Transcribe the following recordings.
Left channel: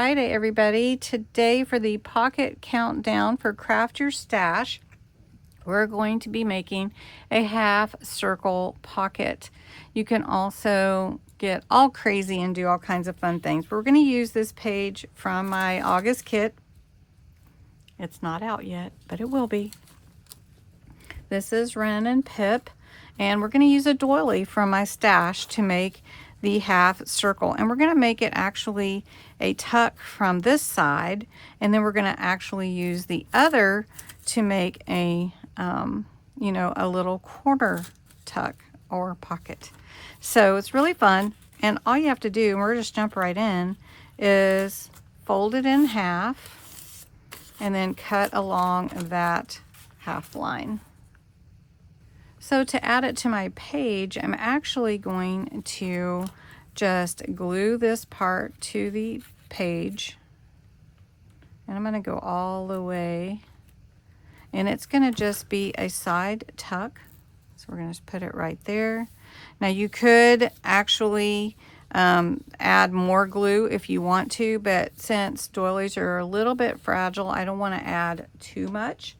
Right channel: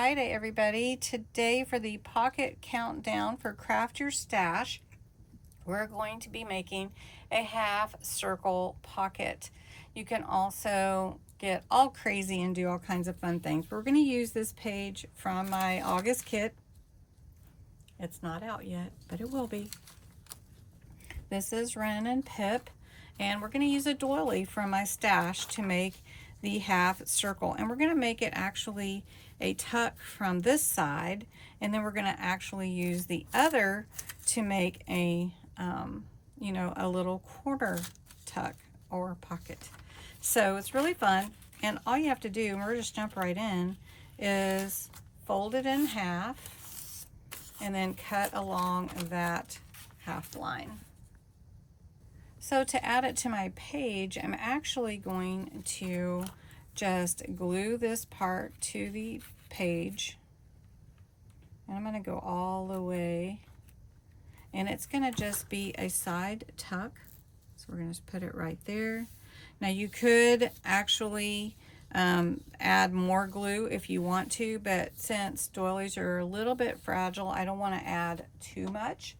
Friday, everybody. Today for the pocket countdown for Craft Your Stash, we're going to be making a half circle pocket. You can also get all crazy and do all kinds of fun things. We're going to use this page from my August kit. It's not out yet, but it will be. This is Wren and Pip, and we're going to use a doily from my stash to make the half circle, and we're going to make it actually a tuck from this side, and then we're going to actually use the other to make a you know, a little quarter tuck or pocket. So it's really fun, and all you have to do, and we're just jump right in, is fold it in half and then cut along that half line. So to add it to my page, I'm actually going to just glue this part to the page. And I'm going to go all the way. And it's going to just be a side tuck. So we're going to just put it right there. Now you could actually add more glue if you want to, but since doilies are a little bit fragile, I don't want to add too much.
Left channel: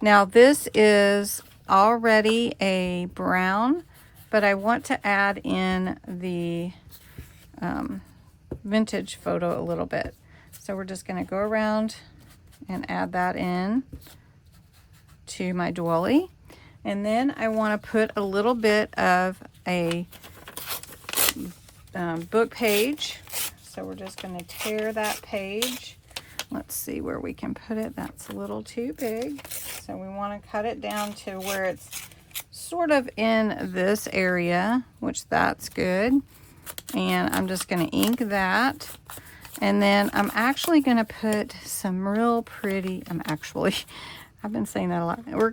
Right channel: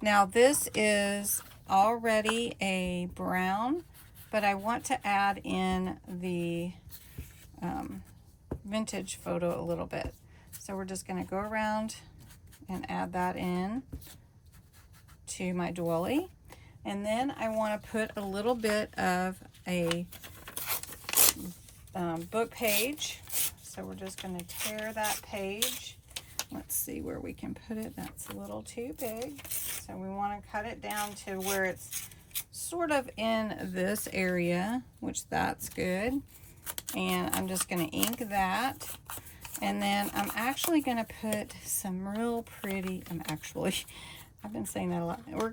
Now this is already a brown, but I want to add in the vintage photo a little bit. So we're just going to go around and add that in to my doily. And then I want to put a little bit of a book page. So we're just going to tear that page. Let's see where we can put it. That's a little too big. So we want to cut it down to where it's sort of in this area, which that's good. And I'm just going to ink that. And then I'm actually going to put some real pretty, I've been saying that a lot. We're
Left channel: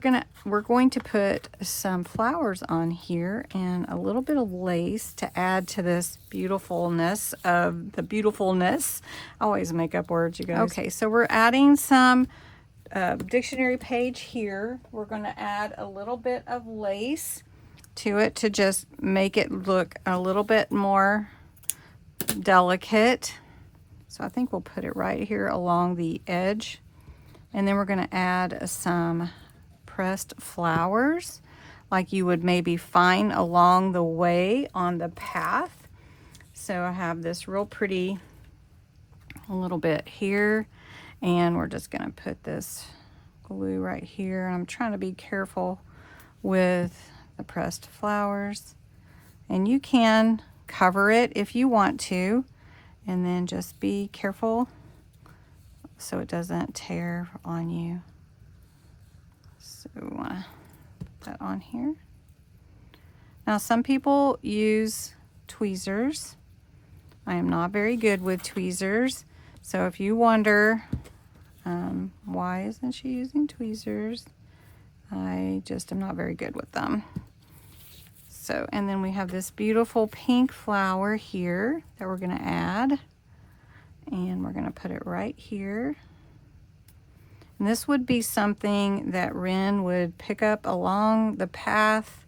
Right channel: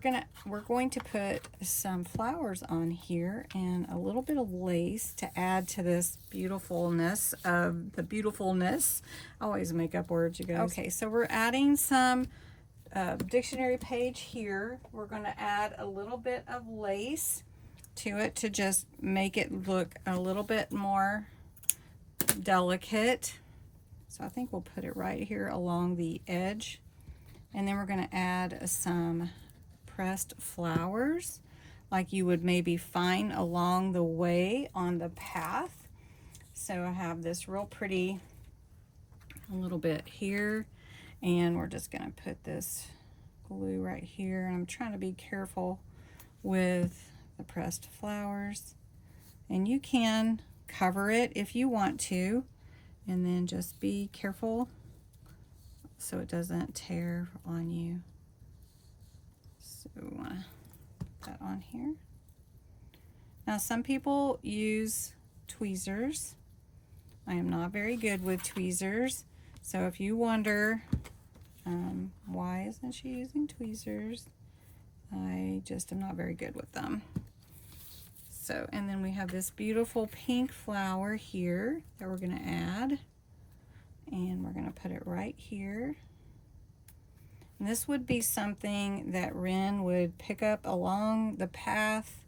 going to put some flowers on here and a little bit of lace to add to this beautifulness of the beautifulness. I always make up words, you guys. Okay, so we're adding some dictionary page here. We're going to add a little bit of lace to it to just make it look a little bit more delicate. So I think we'll put it right here along the edge. And then we're going to add some pressed flowers like you would maybe find along the way on the path. So I have this real pretty a little bit here, and we're just going to put this glue right here. I'm trying to be careful with the pressed flowers, and you can cover it if you want to, and then just be careful so it doesn't tear on you. So we want to put that on here. Now some people use tweezers. I am not very good with tweezers. So if you wonder why isn't she using tweezers, I just am not very good with them. So, and then we have this beautiful pink flower here that we're going to add. And we're going to put it right here. And this would be something that Wren would pick up along the path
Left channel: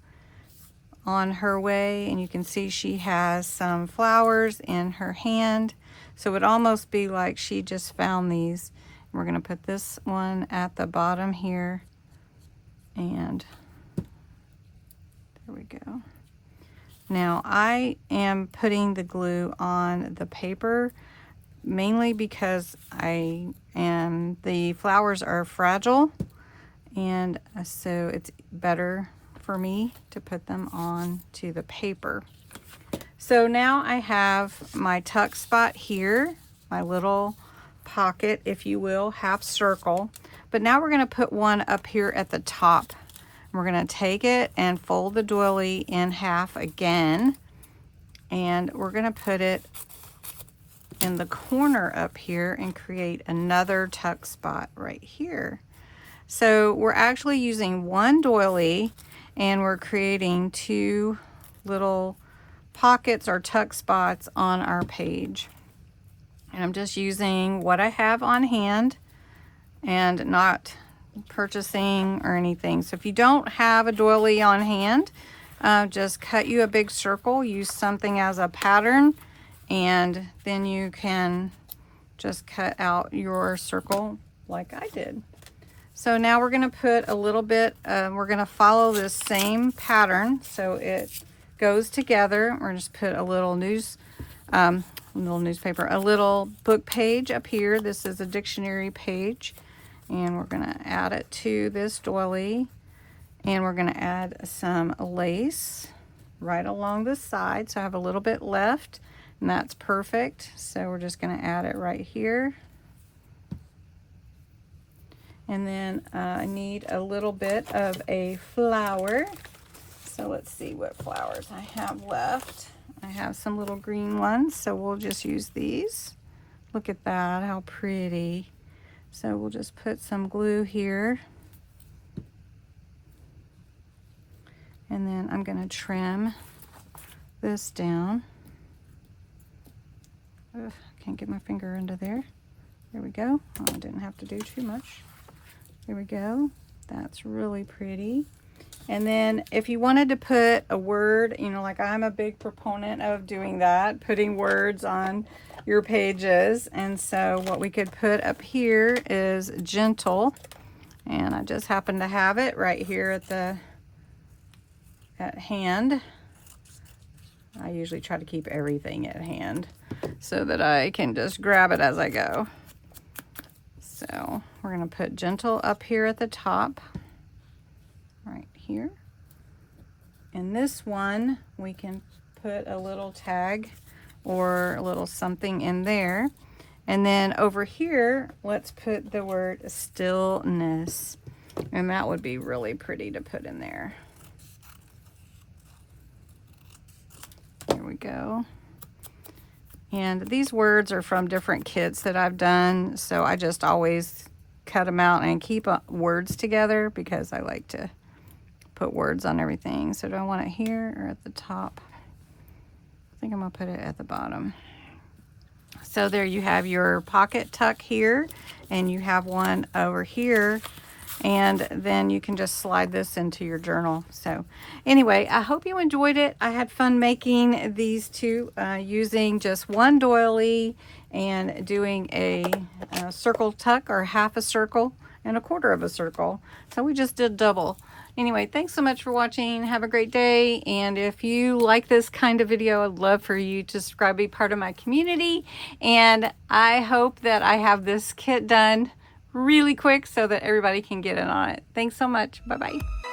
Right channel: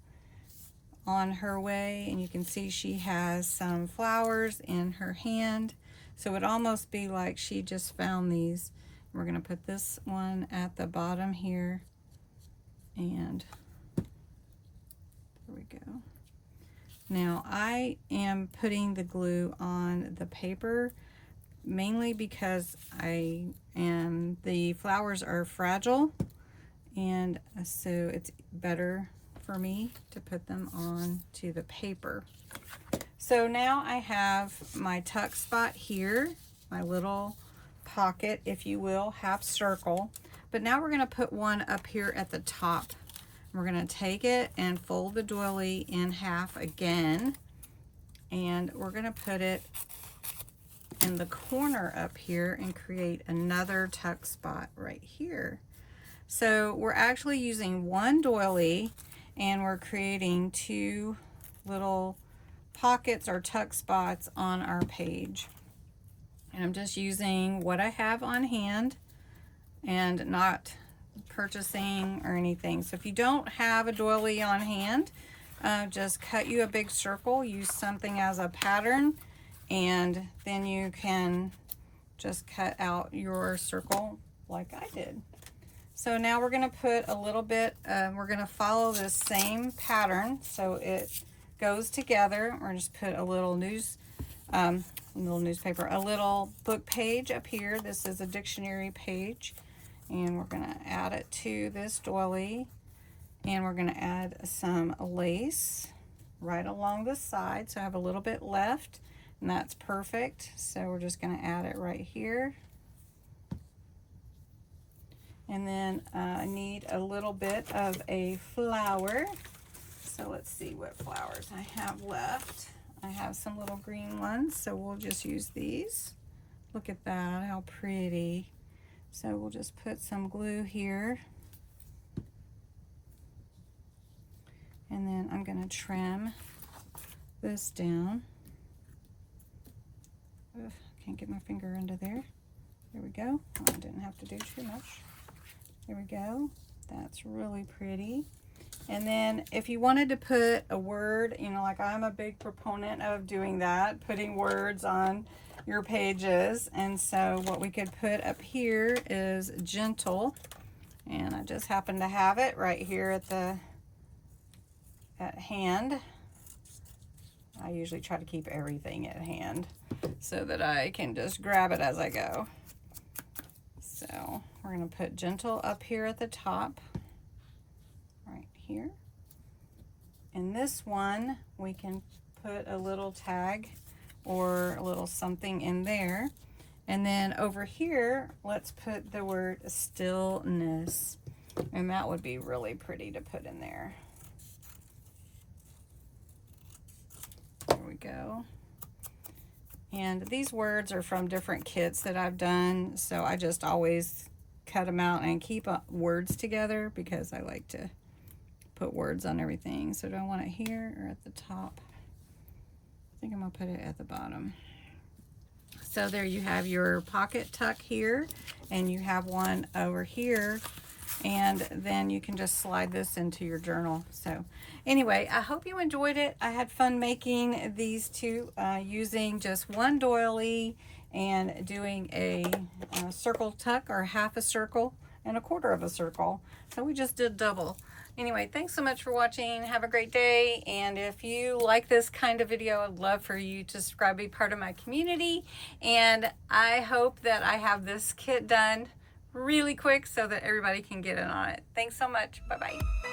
on her way. And you can see she has some flowers in her hand. So it would almost be like she just found these. We're going to put this one at the bottom here. And there we go. Now I am putting the glue on the paper mainly because the flowers are fragile, and so it's better for me to put them on to the paper. So now I have my tuck spot here, my little pocket, if you will, half circle. But now we're going to put one up here at the top. We're going to take it and fold the doily in half again, and we're going to put it in the corner up here and create another tuck spot right here. So we're actually using one doily, and we're creating two little pockets or tuck spots on our page. And I'm just using what I have on hand and not purchasing or anything. So if you don't have a doily on hand, just cut you a big circle, use something as a pattern, and then you can just cut out your circle like I did. So now we're going to put a little bit, we're going to follow this same pattern so it goes together. We're going to just put a little newspaper, a little book page up here. This is a dictionary page, and we're going to add it to this doily, and we're going to add some lace right along the side. So I have a little bit left, and that's perfect. So we're just going to add it right here. And then I need a little bit of a flower. So let's see what flowers I have left. I have some little green ones, so we'll just use these. Look at that, how pretty. So we'll just put some glue here. And then I'm going to trim this down. Ugh, can't get my finger into there. There we go. Oh, I didn't have to do too much. Here we go. That's really pretty. And then if you wanted to put a word, you know, like I'm a big proponent of doing that, putting words on your pages. And so what we could put up here is gentle. And I just happen to have it right here at hand. I usually try to keep everything at hand so that I can just grab it as I go. So we're going to put gentle up here at the top, right here. And this one, we can put a little tag or a little something in there. And then over here, let's put the word stillness. And that would be really pretty to put in there. There we go. And these words are from different kits that I've done, so I just always cut them out and keep words together because I like to put words on everything. So do I want it here or at the top? I think I'm going to put it at the bottom. So there you have your pocket tuck here, and you have one over here. And then you can just slide this into your journal. So anyway, I hope you enjoyed it. I had fun making these two using just one doily and doing a circle tuck, or half a circle and a quarter of a circle. So we just did double. Anyway, thanks so much for watching. Have a great day. And if you like this kind of video, I'd love for you to subscribe, be part of my community. And I hope that I have this kit done really quick so that everybody can get in on it. Thanks so much. Bye-bye.